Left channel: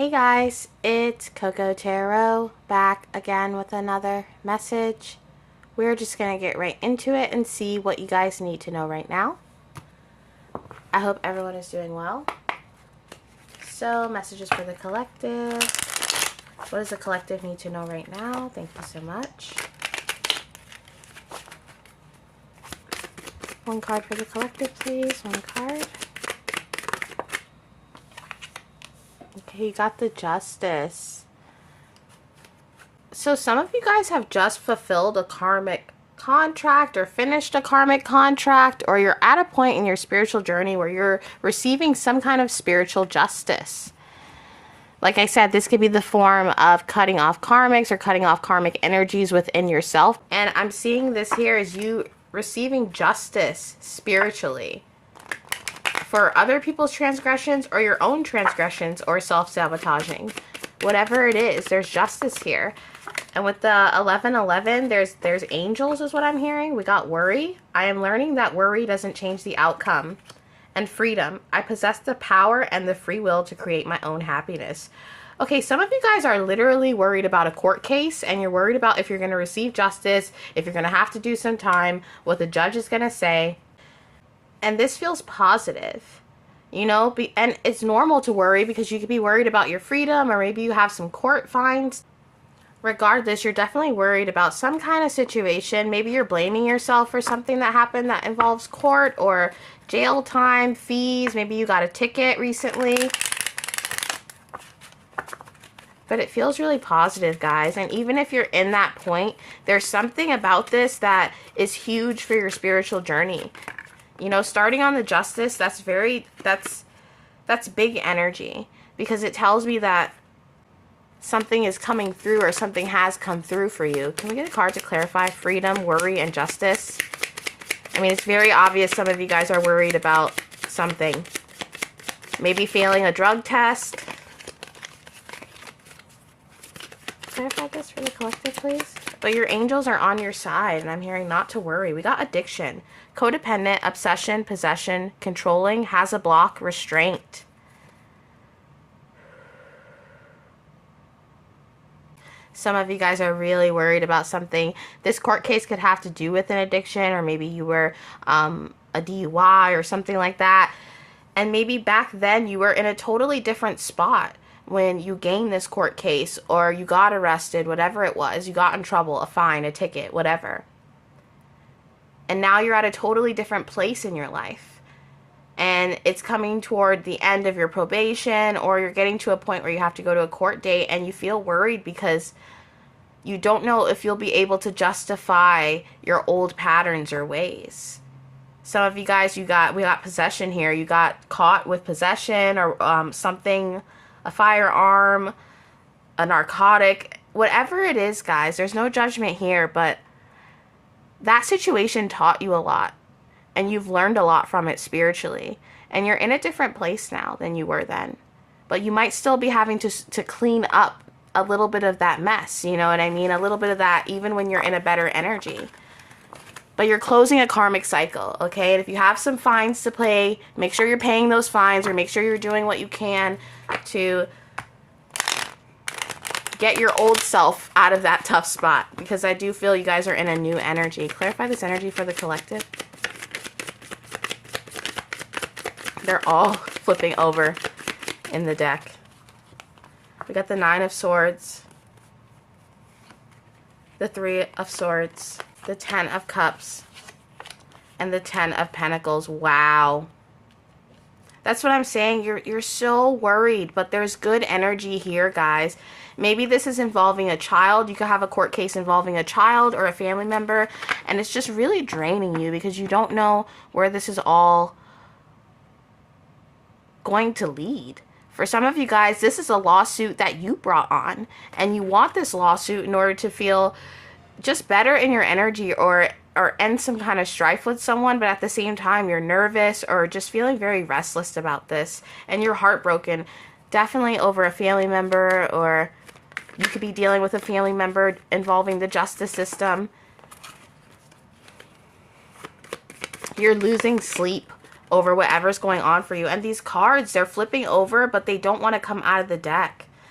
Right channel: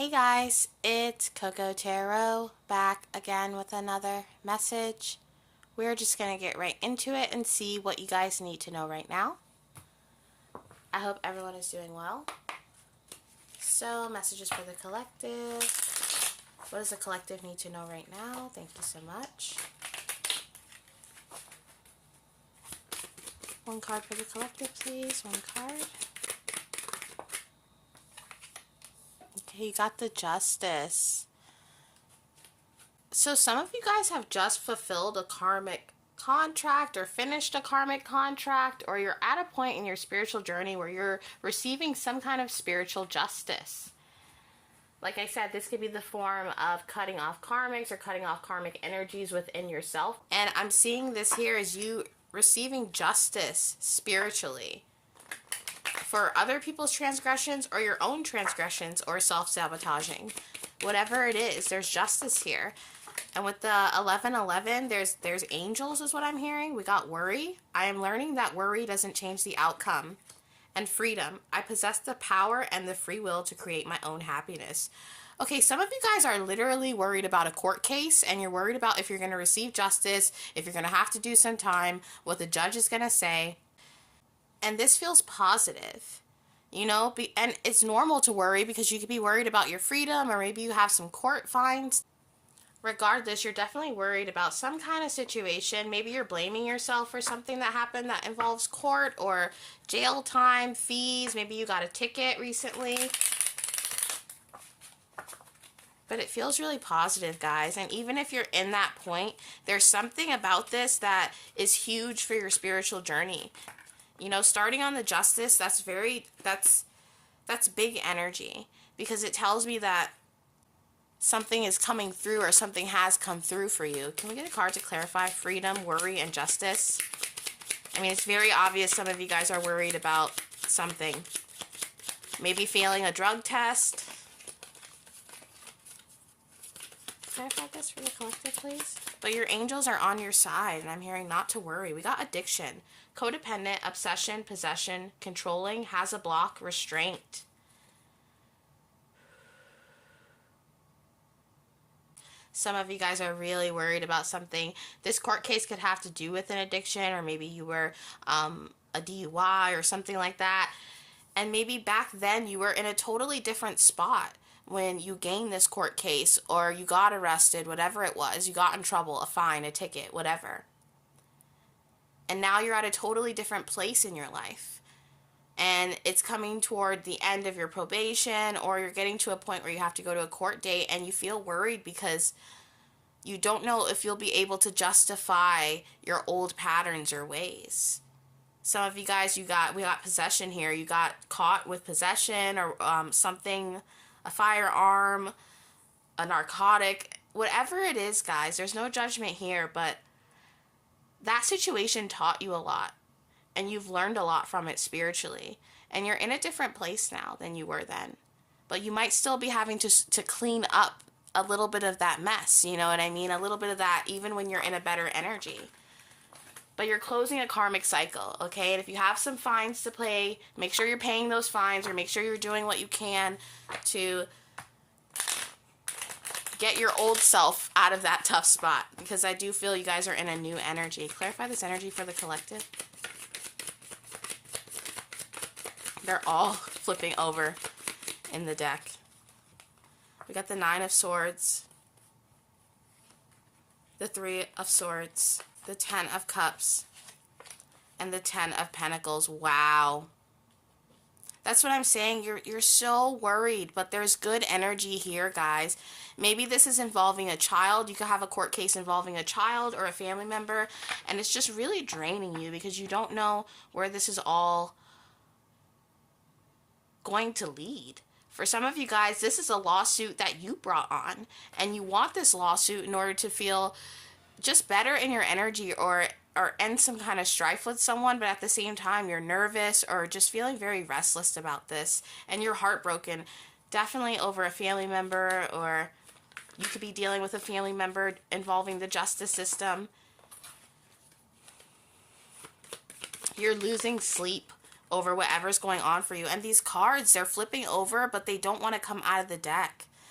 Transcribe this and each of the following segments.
Hey guys, it's Coco Tarot back again with another message. We're just going to get right into it and see what you guys need to know right now. I hope everyone is doing well. So, messages for the collective. What does the collective need to know right now? Thank you so much. One card for the collective, please. One card. Okay, you got the Justice. So some of you guys have just fulfilled a karmic contract or finished a karmic contract, or you're at a point in your spiritual journey where you're receiving some kind of spiritual justice. Like I said, this could be the form of cutting off karmics or cutting off karmic energies within yourself. And I'm seeing this here as you receiving justice spiritually for other people's transgressions or your own transgressions or self-sabotaging. Whatever it is, there's justice here. And with the 1111, there's angels is what I'm hearing. We got worry. I am learning that worry doesn't change the outcome. And freedom. I possess the power and the free will to create my own happiness. Okay, some of you guys are literally worried about a court case, and you're worried about if you're going to receive justice, if you're going to have to do some time, what the judge is going to say. And this feels positive, you know, and it's normal to worry because you could be worried about your freedom, or maybe you have some court fines. Regardless, you're definitely worried about some kind of situation. Maybe you're blaming yourself for something that happened that involves court or jail time, fees. Maybe you got a ticket recently. But it feels really positive, guys. And even if you're in that point, there's something about this that is huge for your spiritual journey. You know, starting on the Justice, that's big energy, because it tells me that something is coming through, or something has come through for you. Can we get a card to clarify freedom, worry, and justice? I mean, it's very obvious some of you guys are worried about something. Maybe failing a drug test. Clarify this for the collective, please. But your angels are on your side, and I'm hearing not to worry. We got addiction, codependent, obsession, possession, controlling, has a block, restraint. Some of you guys are really worried about something. This court case could have to do with an addiction, or maybe you were a DUI or something like that. And maybe back then you were in a totally different spot when you gained this court case, or you got arrested, whatever it was. You got in trouble, a fine, a ticket, whatever. And now you're at a totally different place in your life. And it's coming toward the end of your probation, or you're getting to a point where you have to go to a court date, and you feel worried because you don't know if you'll be able to justify your old patterns or ways. Some of you guys, we got possession here. You got caught with possession, or something, a firearm, a narcotic, whatever it is, guys. There's no judgment here, but that situation taught you a lot, and you've learned a lot from it spiritually, and you're in a different place now than you were then. But you might still be having to clean up a little bit of that mess, you know what I mean? A little bit of that even when you're in a better energy. But you're closing a karmic cycle, okay? And if you have some fines to pay, make sure you're paying those fines, or make sure you're doing what you can to get your old self out of that tough spot, because I do feel you guys are in a new energy. Clarify this energy for the collective. They're all flipping over in the deck. We got the 9 of Swords, the 3 of Swords, the 10 of Cups, and the 10 of Pentacles. Wow. That's what I'm saying. You're so worried, but there's good energy here, guys. Maybe this is involving a child. You could have a court case involving a child or a family member, and it's just really draining you because you don't know where this is all going to lead. For some of you guys, this is a lawsuit that you brought on, and you want this lawsuit in order to feel just better in your energy, or end some kind of strife with someone, but at the same time you're nervous or just feeling very restless about this, and you're heartbroken, definitely over a family member, or you could be dealing with a family member involving the justice system. You're losing sleep over whatever's going on for you. And these cards, they're flipping over, but they don't want to come out of the deck.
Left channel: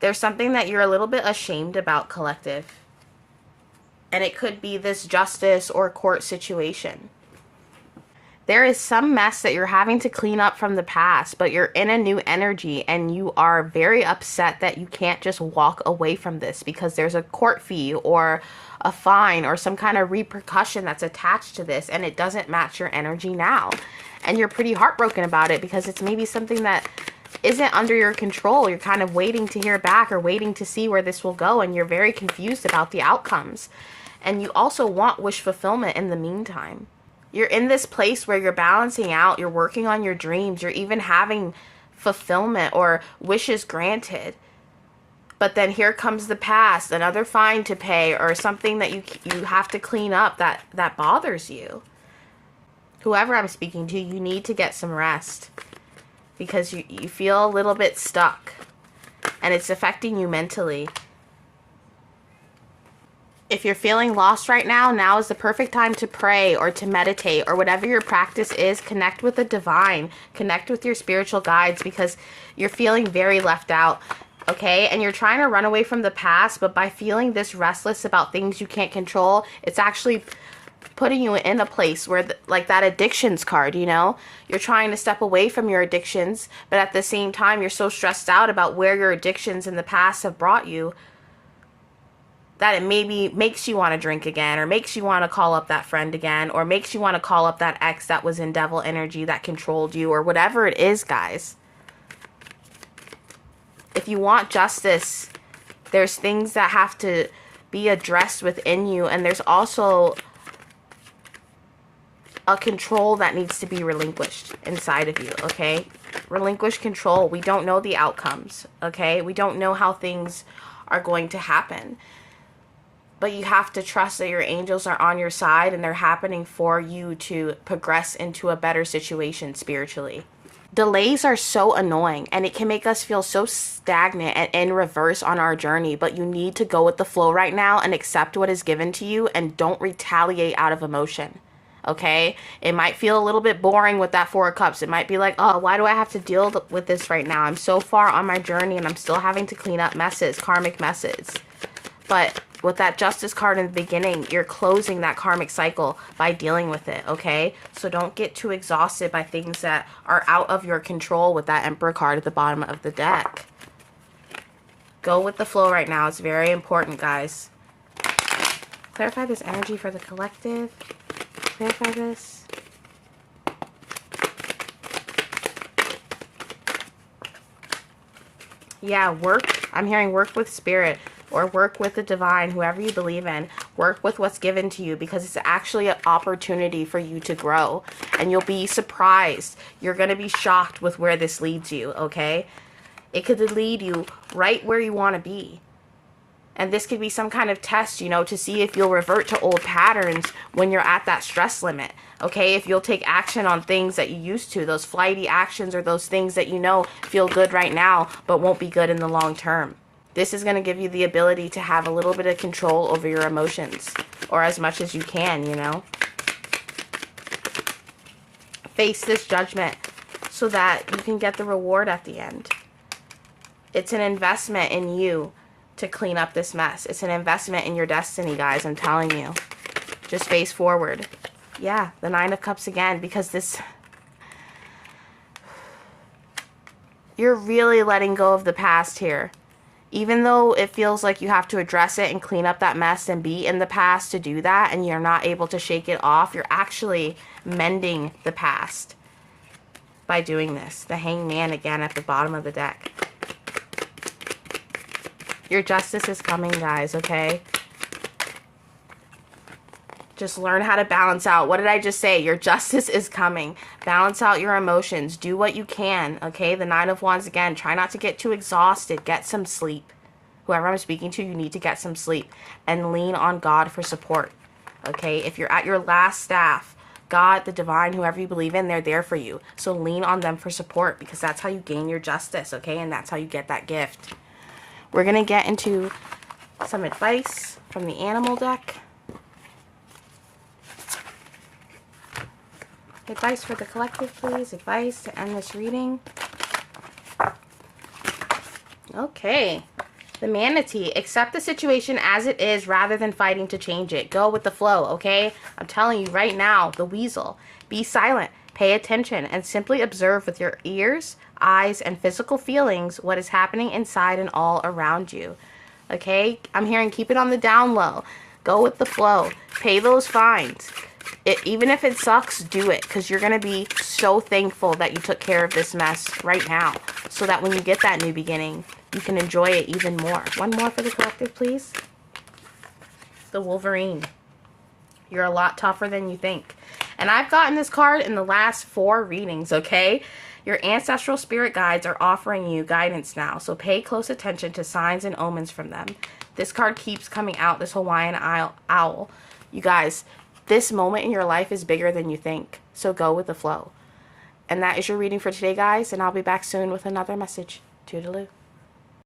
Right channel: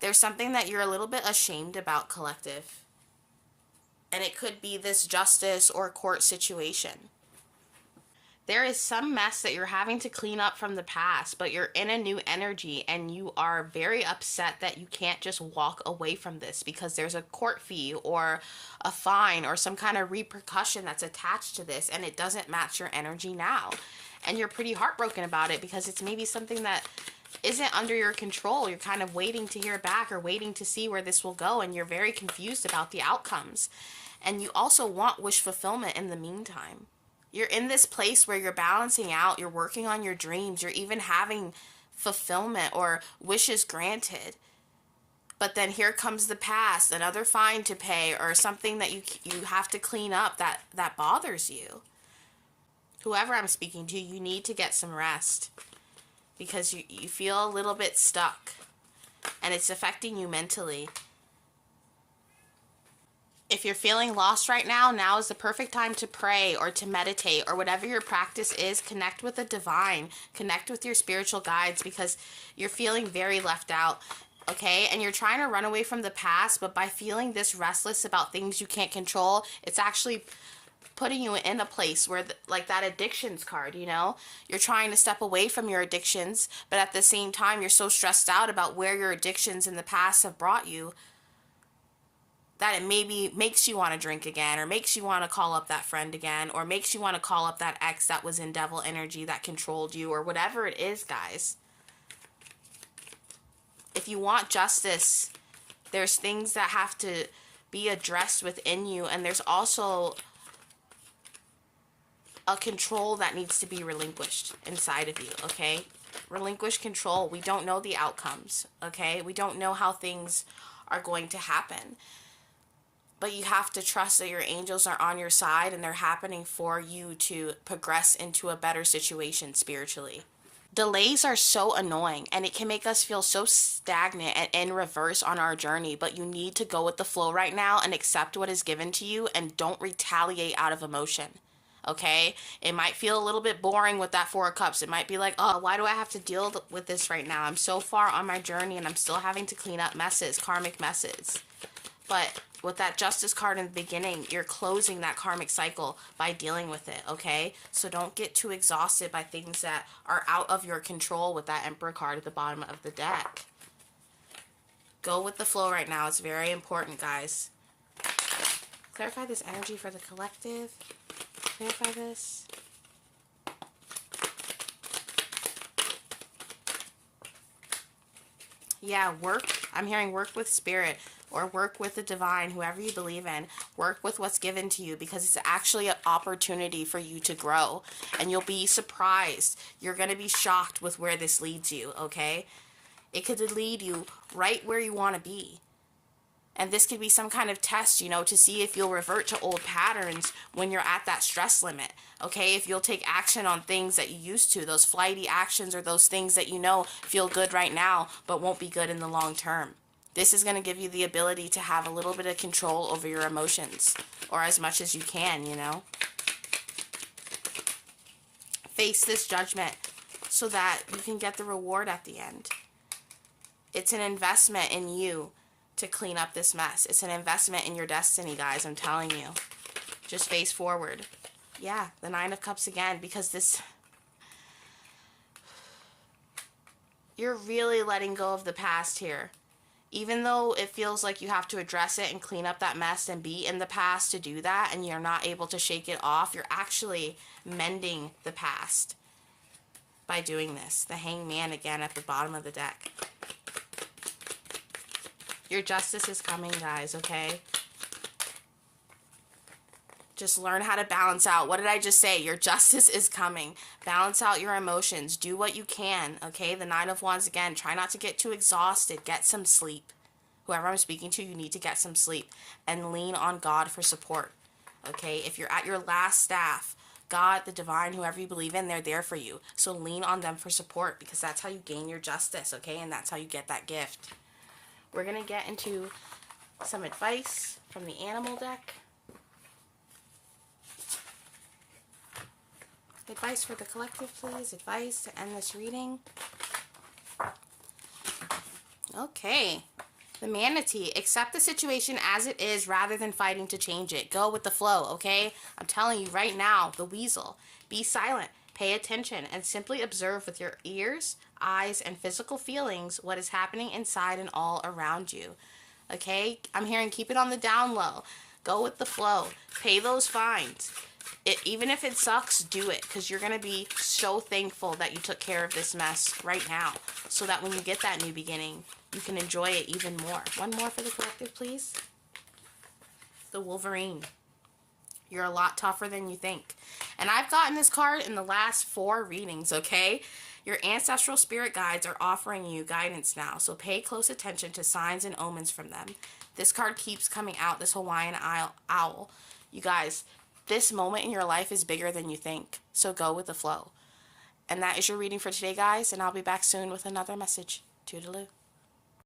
There's something that you're a little bit ashamed about, collective. And it could be this justice or court situation. There is some mess that you're having to clean up from the past, but you're in a new energy and you are very upset that you can't just walk away from this because there's a court fee or a fine or some kind of repercussion that's attached to this, and it doesn't match your energy now. And you're pretty heartbroken about it because it's maybe something that isn't under your control. You're kind of waiting to hear back or waiting to see where this will go, and you're very confused about the outcomes. And you also want wish fulfillment in the meantime. You're in this place where you're balancing out, you're working on your dreams, you're even having fulfillment or wishes granted. But then here comes the past, another fine to pay or something that you have to clean up that bothers you. Whoever I'm speaking to, you need to get some rest because you feel a little bit stuck and it's affecting you mentally. If you're feeling lost right now, now is the perfect time to pray or to meditate or whatever your practice is. Connect with the divine. Connect with your spiritual guides because you're feeling very left out, okay? And you're trying to run away from the past, but by feeling this restless about things you can't control, it's actually putting you in a place where, like that addictions card, you know? You're trying to step away from your addictions, but at the same time, you're so stressed out about where your addictions in the past have brought you that it maybe makes you want to drink again, or makes you want to call up that friend again, or makes you want to call up that ex that was in devil energy that controlled you, or whatever it is, guys. If you want justice, there's things that have to be addressed within you, and there's also a control that needs to be relinquished inside of you, okay? Relinquish control. We don't know the outcomes, okay? We don't know how things are going to happen. But you have to trust that your angels are on your side and they're happening for you to progress into a better situation spiritually. Delays are so annoying and it can make us feel so stagnant and in reverse on our journey, but you need to go with the flow right now and accept what is given to you and don't retaliate out of emotion. Okay? It might feel a little bit boring with that Four of Cups. It might be like, oh, why do I have to deal with this right now? I'm so far on my journey and I'm still having to clean up messes, karmic messes. But with that justice card in the beginning, you're closing that karmic cycle by dealing with it, okay? So don't get too exhausted by things that are out of your control with that Emperor card at the bottom of the deck. Go with the flow right now. It's very important, guys. Clarify this energy for the collective. Clarify this. Yeah, work. I'm hearing work with spirit. Or work with the divine, whoever you believe in. Work with what's given to you because it's actually an opportunity for you to grow. And you'll be surprised. You're going to be shocked with where this leads you, okay? It could lead you right where you want to be. And this could be some kind of test, you know, to see if you'll revert to old patterns when you're at that stress limit, okay? If you'll take action on things that you used to, those flighty actions or those things that you know feel good right now but won't be good in the long term. This is going to give you the ability to have a little bit of control over your emotions, or as much as you can, you know. Face this judgment so that you can get the reward at the end. It's an investment in you to clean up this mess. It's an investment in your destiny, guys, I'm telling you. Just face forward. Yeah, the Nine of Cups again, because this... You're really letting go of the past here. Even though it feels like you have to address it and clean up that mess and be in the past to do that, and you're not able to shake it off, you're actually mending the past by doing this. The Hangman again at the bottom of the deck. Your justice is coming, guys, okay? Just learn how to balance out. What did I just say? Your justice is coming. Balance out your emotions. Do what you can, okay? The Nine of Wands again. Try not to get too exhausted. Get some sleep. Whoever I'm speaking to, you need to get some sleep. And lean on God for support, okay? If you're at your last staff, God, the divine, whoever you believe in, they're there for you. So lean on them for support because that's how you gain your justice, okay? And that's how you get that gift. We're going to get into some advice from the animal deck. Advice for the collective, please. Advice to end this reading. Okay. The manatee, accept the situation as it is rather than fighting to change it. Go with the flow, okay? I'm telling you right now. The weasel, be silent, pay attention, and simply observe with your ears, eyes, and physical feelings what is happening inside and all around you. Okay? I'm hearing keep it on the down low. Go with the flow. Pay those fines. Even if it sucks, do it, because you're going to be so thankful that you took care of this mess right now, so that when you get that new beginning, you can enjoy it even more. One more for the collective, please. The Wolverine. You're a lot tougher than you think. And I've gotten this card in the last 4 readings, okay? Your ancestral spirit guides are offering you guidance now, so pay close attention to signs and omens from them. This card keeps coming out, this Hawaiian owl. You guys, this moment in your life is bigger than you think, so go with the flow. And that is your reading for today, guys, and I'll be back soon with another message. Toodaloo.